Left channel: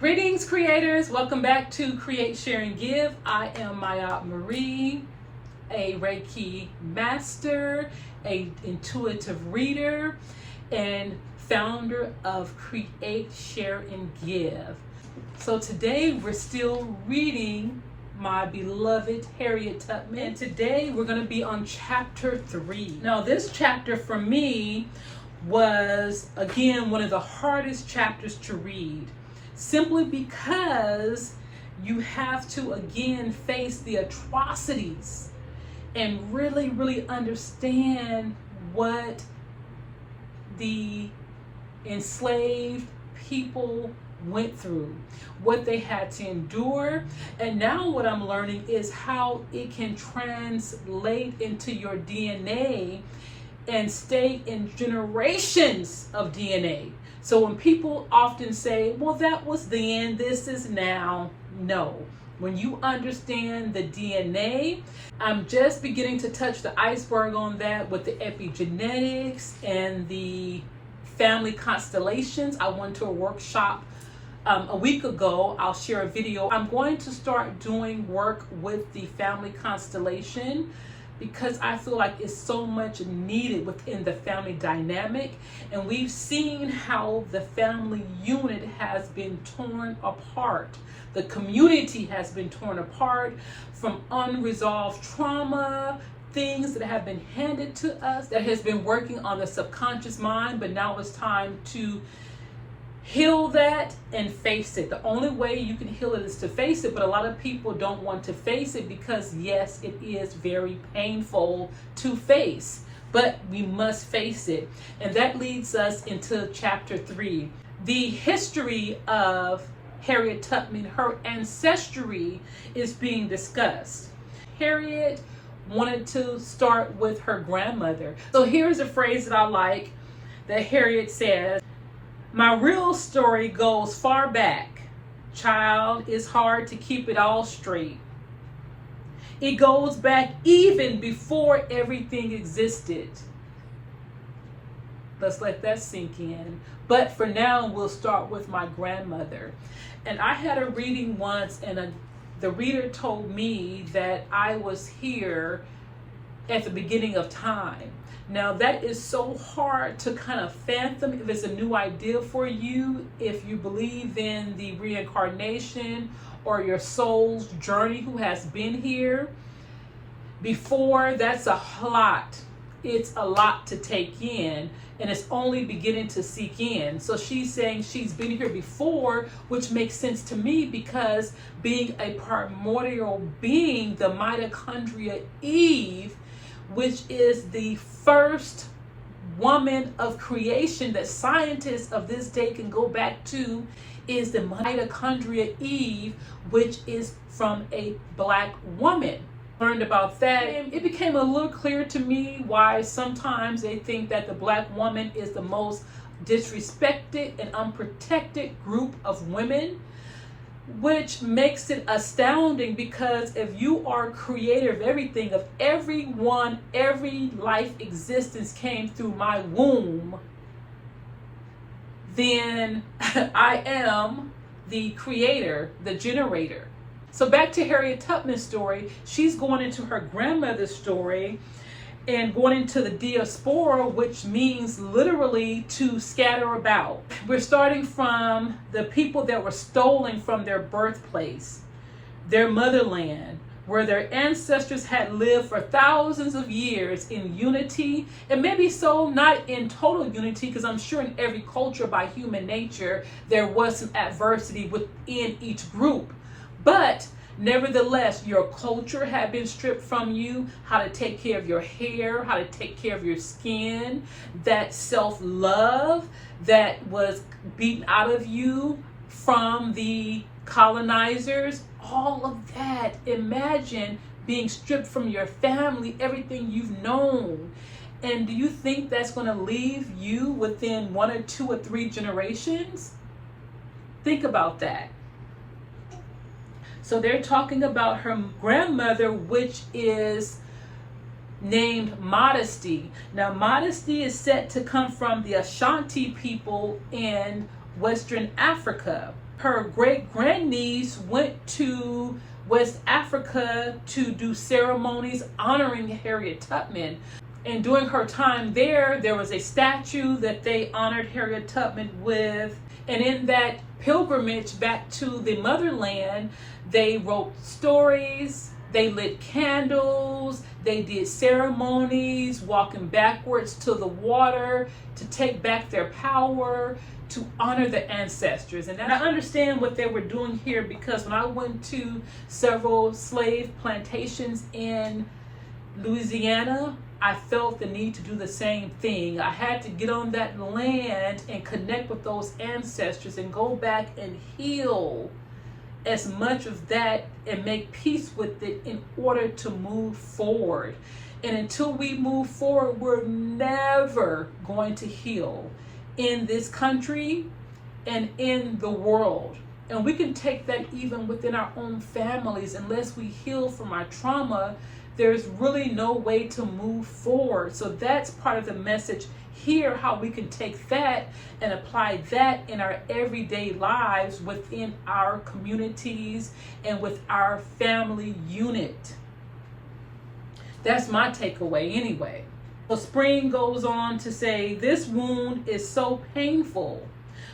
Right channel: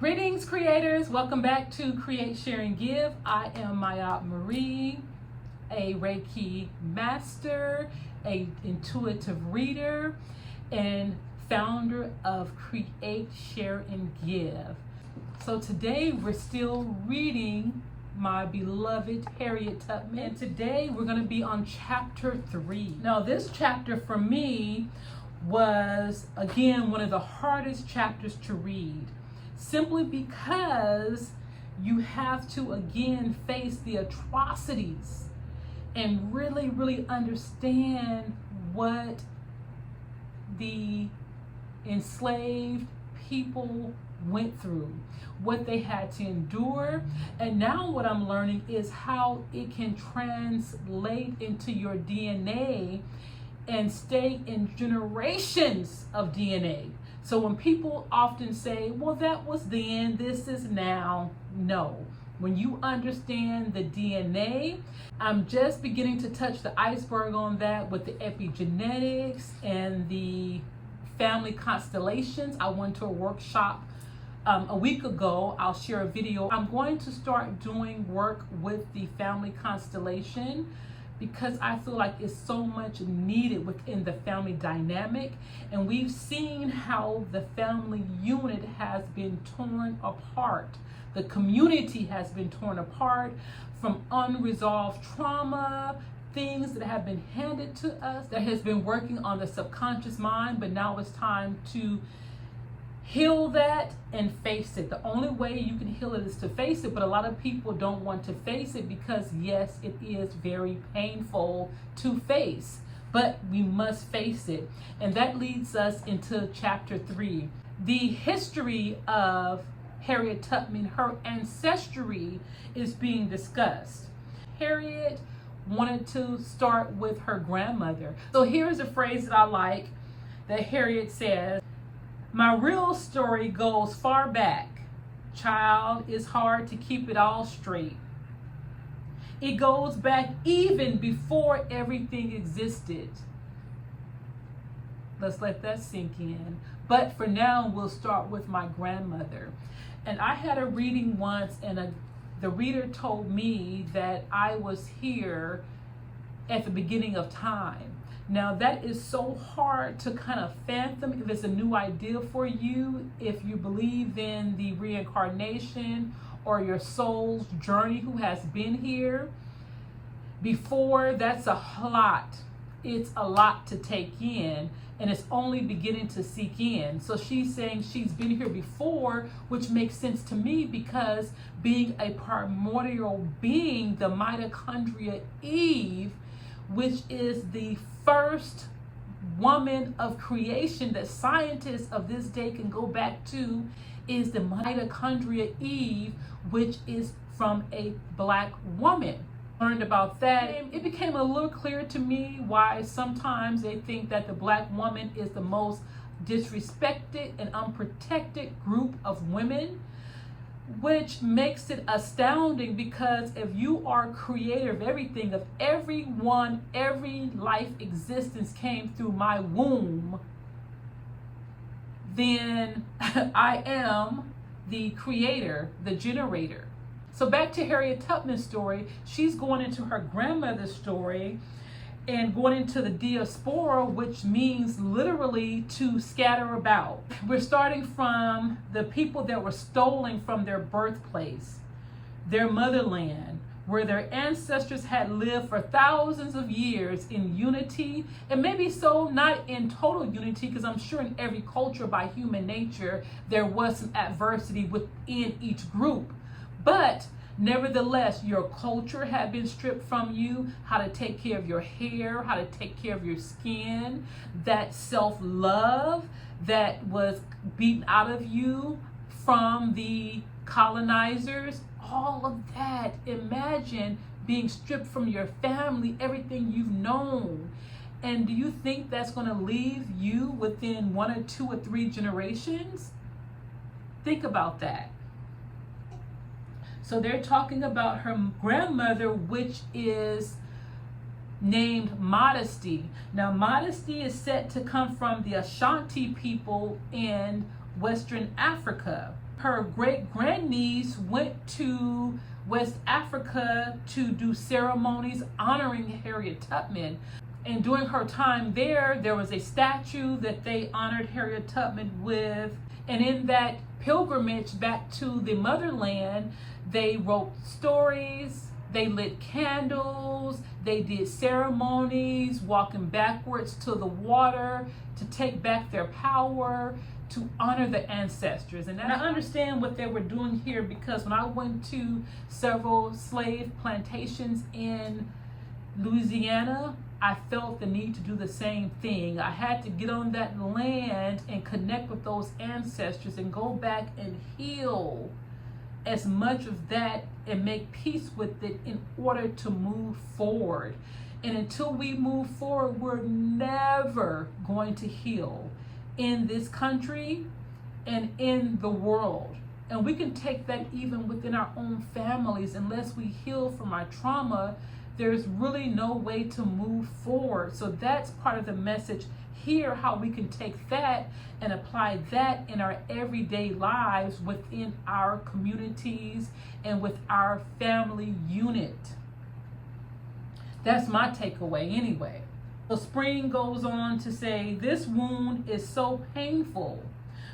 Greetings, creators. Welcome back to Create, Share, and Give. I am Maya Marie, a Reiki Master, a intuitive reader, and founder of Create, Share, and Give. So today we're still reading my beloved Harriet Tubman. And today we're going to be on chapter 3. Now this chapter for me was, again, one of the hardest chapters to read. Simply because you have to again face the atrocities and really understand what the enslaved people went through, what they had to endure. And now what I'm learning is how it can translate into your DNA and stay in generations of DNA. So when people often say, well, that was then, this is now, no. When you understand the DNA, I'm just beginning to touch the iceberg on that with the epigenetics and the family constellations. I went to a workshop a week ago. I'll share a video. I'm going to start doing work with the family constellation because I feel like it's so much needed within the family dynamic. And we've seen how the family unit has been torn apart. The community has been torn apart from unresolved trauma, things that have been handed to us that has been working on the subconscious mind, but now it's time to heal that and face it. The only way you can heal it is to face it, but a lot of people don't want to face it because yes, it is very painful to face, but we must face it. And that leads us into chapter 3. The history of Harriet Tubman, her ancestry is being discussed. Harriet wanted to start with her grandmother. So here's a phrase that I like that Harriet says, "My real story goes far back. Child, it's hard to keep it all straight. It goes back even before everything existed." Let's let that sink in. But for now, we'll start with my grandmother. And I had a reading once, and the reader told me that I was here at the beginning of time. Now that is so hard to kind of fathom if it's a new idea for you, if you believe in the reincarnation or your soul's journey who has been here before. That's a lot. It's a lot to take in, and it's only beginning to seep in. So she's saying she's been here before, which makes sense to me because being a primordial being, the mitochondria Eve, which is the first woman of creation that scientists of this day can go back to, is the mitochondria Eve, which is from a black woman. Learned about that. It became a little clear to me why sometimes they think that the black woman is the most disrespected and unprotected group of women, which makes it astounding because if you are creator of everything, of everyone, every life existence came through my womb, then I am the creator, the generator. So back to Harriet Tubman's story, she's going into her grandmother's story and going into the diaspora, which means literally to scatter about. We're starting from the people that were stolen from their birthplace, their motherland, where their ancestors had lived for thousands of years in unity, and maybe so not in total unity, because I'm sure in every culture by human nature, there was some adversity within each group. But nevertheless, your culture had been stripped from you, how to take care of your hair, how to take care of your skin, that self-love that was beaten out of you from the colonizers, all of that. Imagine being stripped from your family, everything you've known. And do you think that's going to leave you within 1 or 2 or 3 generations? Think about that. So they're talking about her grandmother, which is named Modesty. Now, Modesty is said to come from the Ashanti people in Western Africa. Her great-grandniece went to West Africa to do ceremonies honoring Harriet Tubman. And during her time there was a statue that they honored Harriet Tubman with. And in that pilgrimage back to the motherland, they wrote stories, they lit candles, they did ceremonies, walking backwards to the water to take back their power, to honor the ancestors. And I understand what they were doing here, because when I went to several slave plantations in Louisiana, I felt the need to do the same thing. I had to get on that land and connect with those ancestors and go back and heal as much of that and make peace with it in order to move forward. And until we move forward, we're never going to heal in this country and in the world. And we can take that even within our own families. Unless we heal from our trauma, there's really no way to move forward. So that's part of the message here, how we can take that and apply that in our everyday lives within our communities and with our family unit. That's my takeaway anyway. So Spring goes on to say, this wound is so painful.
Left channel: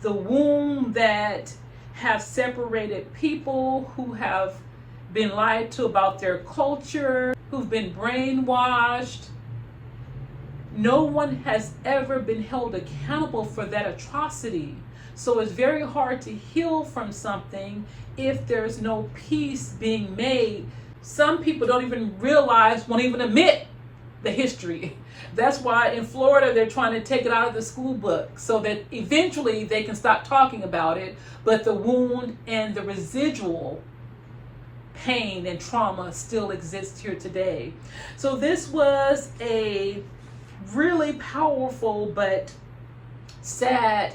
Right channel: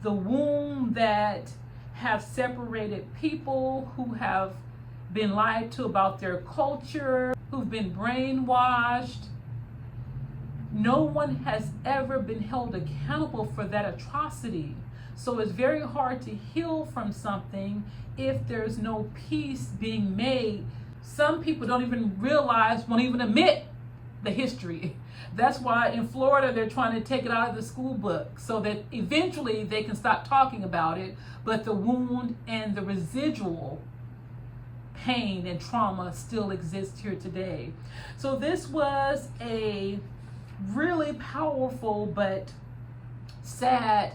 The wound that have separated people, who have been lied to about their culture, who've been brainwashed. No one has ever been held accountable for that atrocity. So it's very hard to heal from something if there's no peace being made. Some people don't even realize, won't even admit the history. That's why in Florida they're trying to take it out of the school book so that eventually they can stop talking about it, but the wound and the residual pain and trauma still exists here today. So this was a really powerful but sad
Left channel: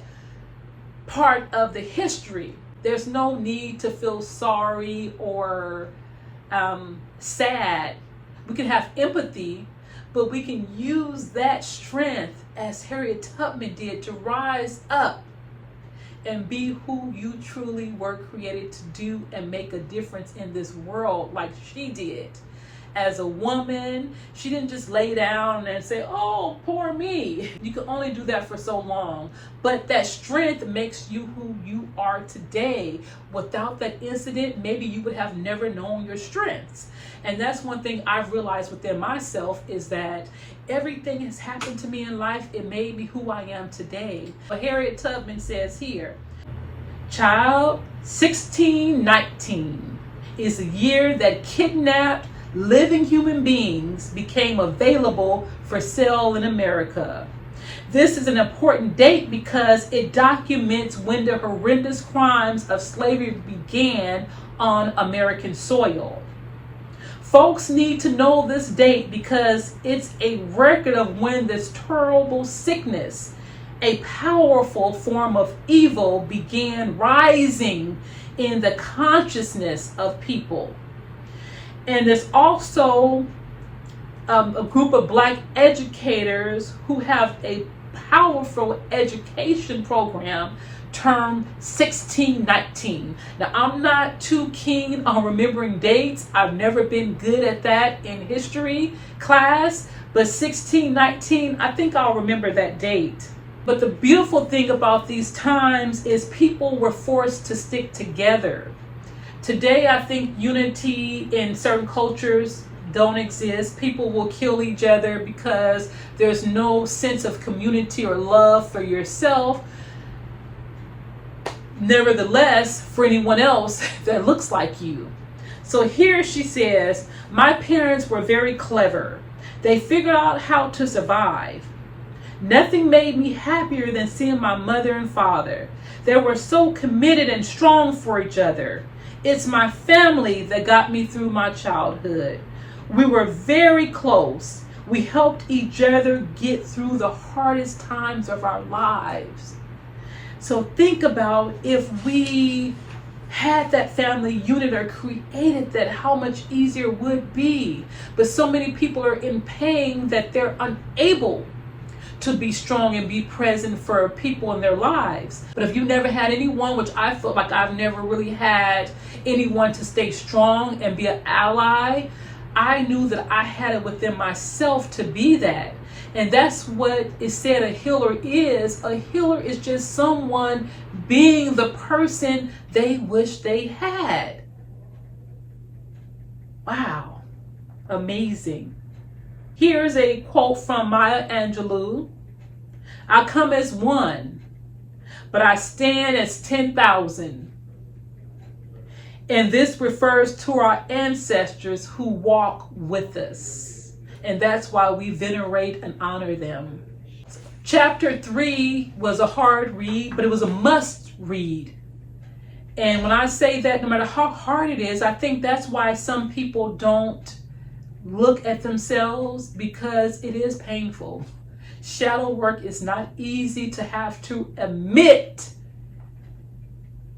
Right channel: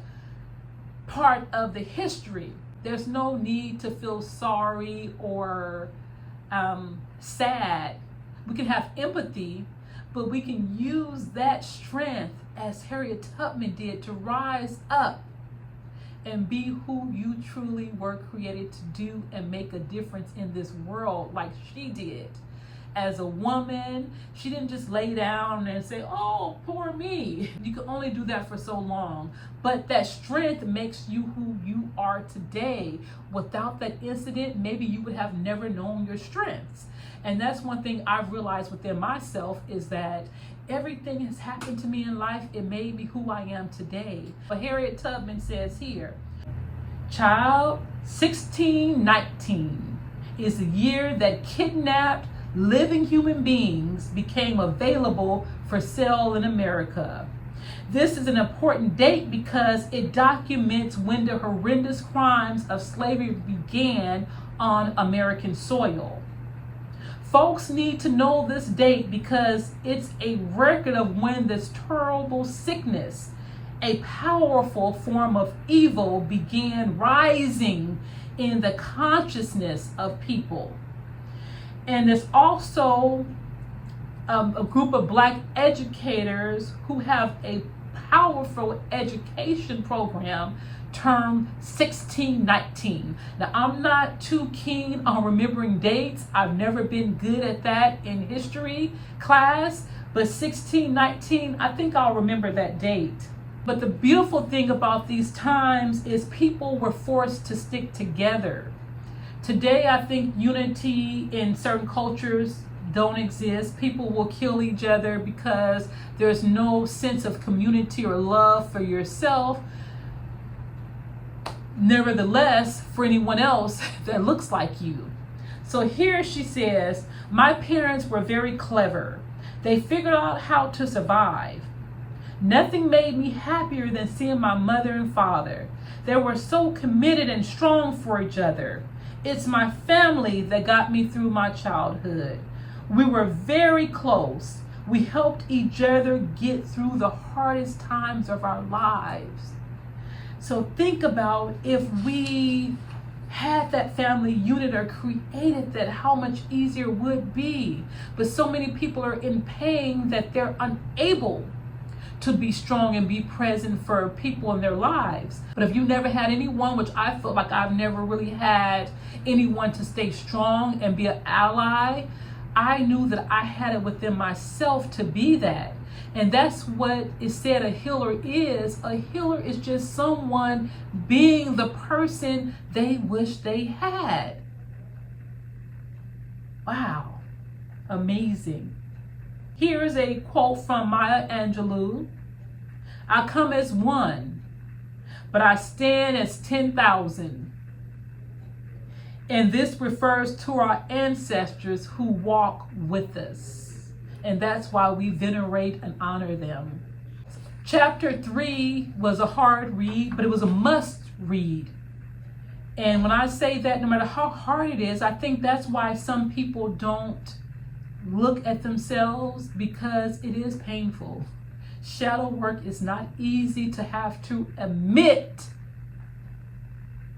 part of the history. There's no need to feel sorry or sad. We can have empathy, but we can use that strength, as Harriet Tubman did, to rise up and be who you truly were created to do and make a difference in this world, like she did. As a woman, she didn't just lay down and say, oh, poor me. You can only do that for so long. But that strength makes you who you are today. Without that incident, maybe you would have never known your strengths. And that's one thing I've realized within myself, is that everything has happened to me in life. It made me who I am today. But Harriet Tubman says here, child, 1619 is the year that kidnapped living human beings became available for sale in America. This is an important date because it documents when the horrendous crimes of slavery began on American soil. Folks need to know this date because it's a record of when this terrible sickness, a powerful form of evil, began rising in the consciousness of people. And there's also a group of Black educators who have a powerful education program termed 1619. Now, I'm not too keen on remembering dates. I've never been good at that in history class, but 1619, I think I'll remember that date. But the beautiful thing about these times is people were forced to stick together. Today, I think unity in certain cultures don't exist. People will kill each other because there's no sense of community or love for yourself. Nevertheless, for anyone else that looks like you. So here she says, my parents were very clever. They figured out how to survive. Nothing made me happier than seeing my mother and father. They were so committed and strong for each other. It's my family that got me through my childhood. We were very close. We helped each other get through the hardest times of our lives. So think about if we had that family unit or created that, how much easier it would be. But so many people are in pain that they're unable to be strong and be present for people in their lives. But if you never had anyone, which I feel like I've never really had anyone to stay strong and be an ally, I knew that I had it within myself to be that. And that's what is said a healer is. A healer is just someone being the person they wish they had. Wow, amazing. Here's a quote from Maya Angelou. I come as one, but I stand as 10,000. And this refers to our ancestors who walk with us. And that's why we venerate and honor them. Chapter 3 was a hard read, but it was a must read. And when I say that, no matter how hard it is, I think that's why some people don't look at themselves, because it is painful. Shadow work is not easy to have to admit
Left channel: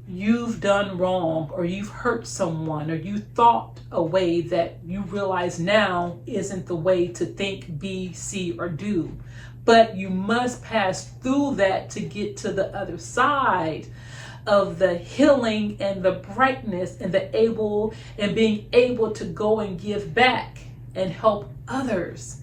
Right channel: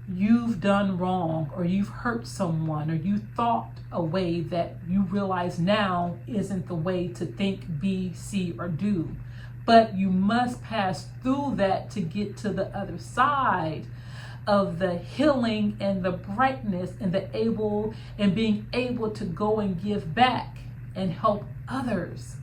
you've done wrong, or you've hurt someone, or you thought a way that you realize now isn't the way to think, be, see, or do. But you must pass through that to get to the other side of the healing and the brightness and the able and being able to go and give back and help others.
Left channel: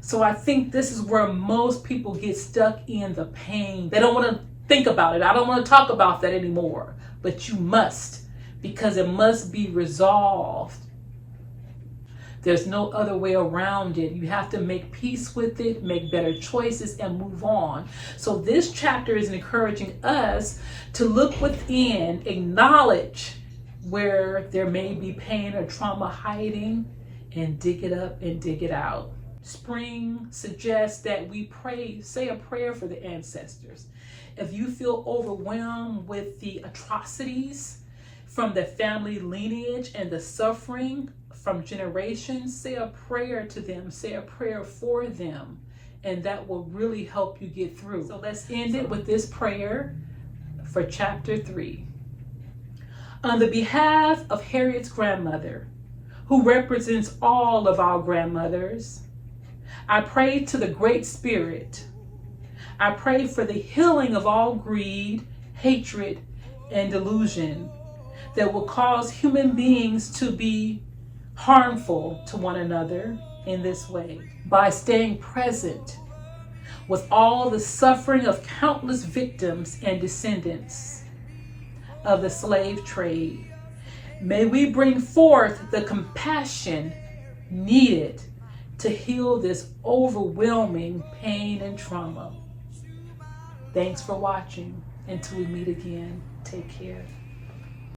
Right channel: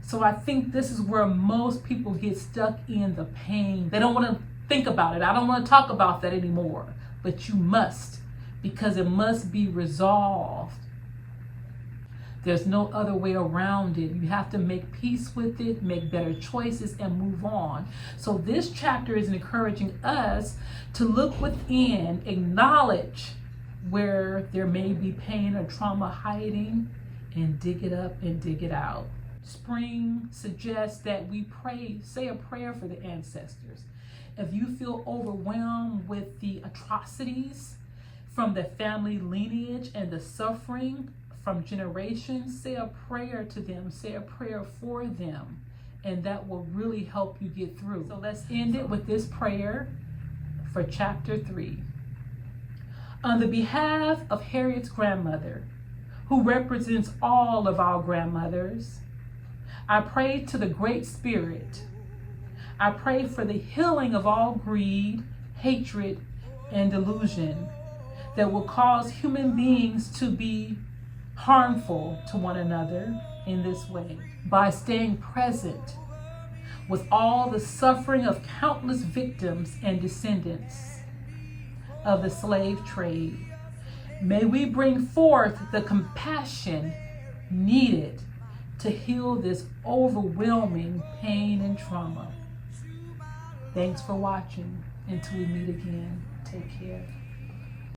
So I think this is where most people get stuck in the pain. They don't want to think about it. I don't want to talk about that anymore. But you must, because it must be resolved. There's no other way around it. You have to make peace with it, make better choices, and move on. So this chapter is encouraging us to look within, acknowledge where there may be pain or trauma hiding, and dig it up and dig it out. Spring suggests that we pray, say a prayer for the ancestors. If you feel overwhelmed with the atrocities from the family lineage and the suffering from generations, say a prayer to them, say a prayer for them, and that will really help you get through. So let's end it with this prayer for chapter 3. On the behalf of Harriet's grandmother, who represents all of our grandmothers, I pray to the Great Spirit. I pray for the healing of all greed, hatred, and delusion that will cause human beings to be harmful to one another in this way. By staying present with all the suffering of countless victims and descendants of the slave trade, may we bring forth the compassion needed to heal this overwhelming pain and trauma. Thanks for watching. Until we meet again, take care.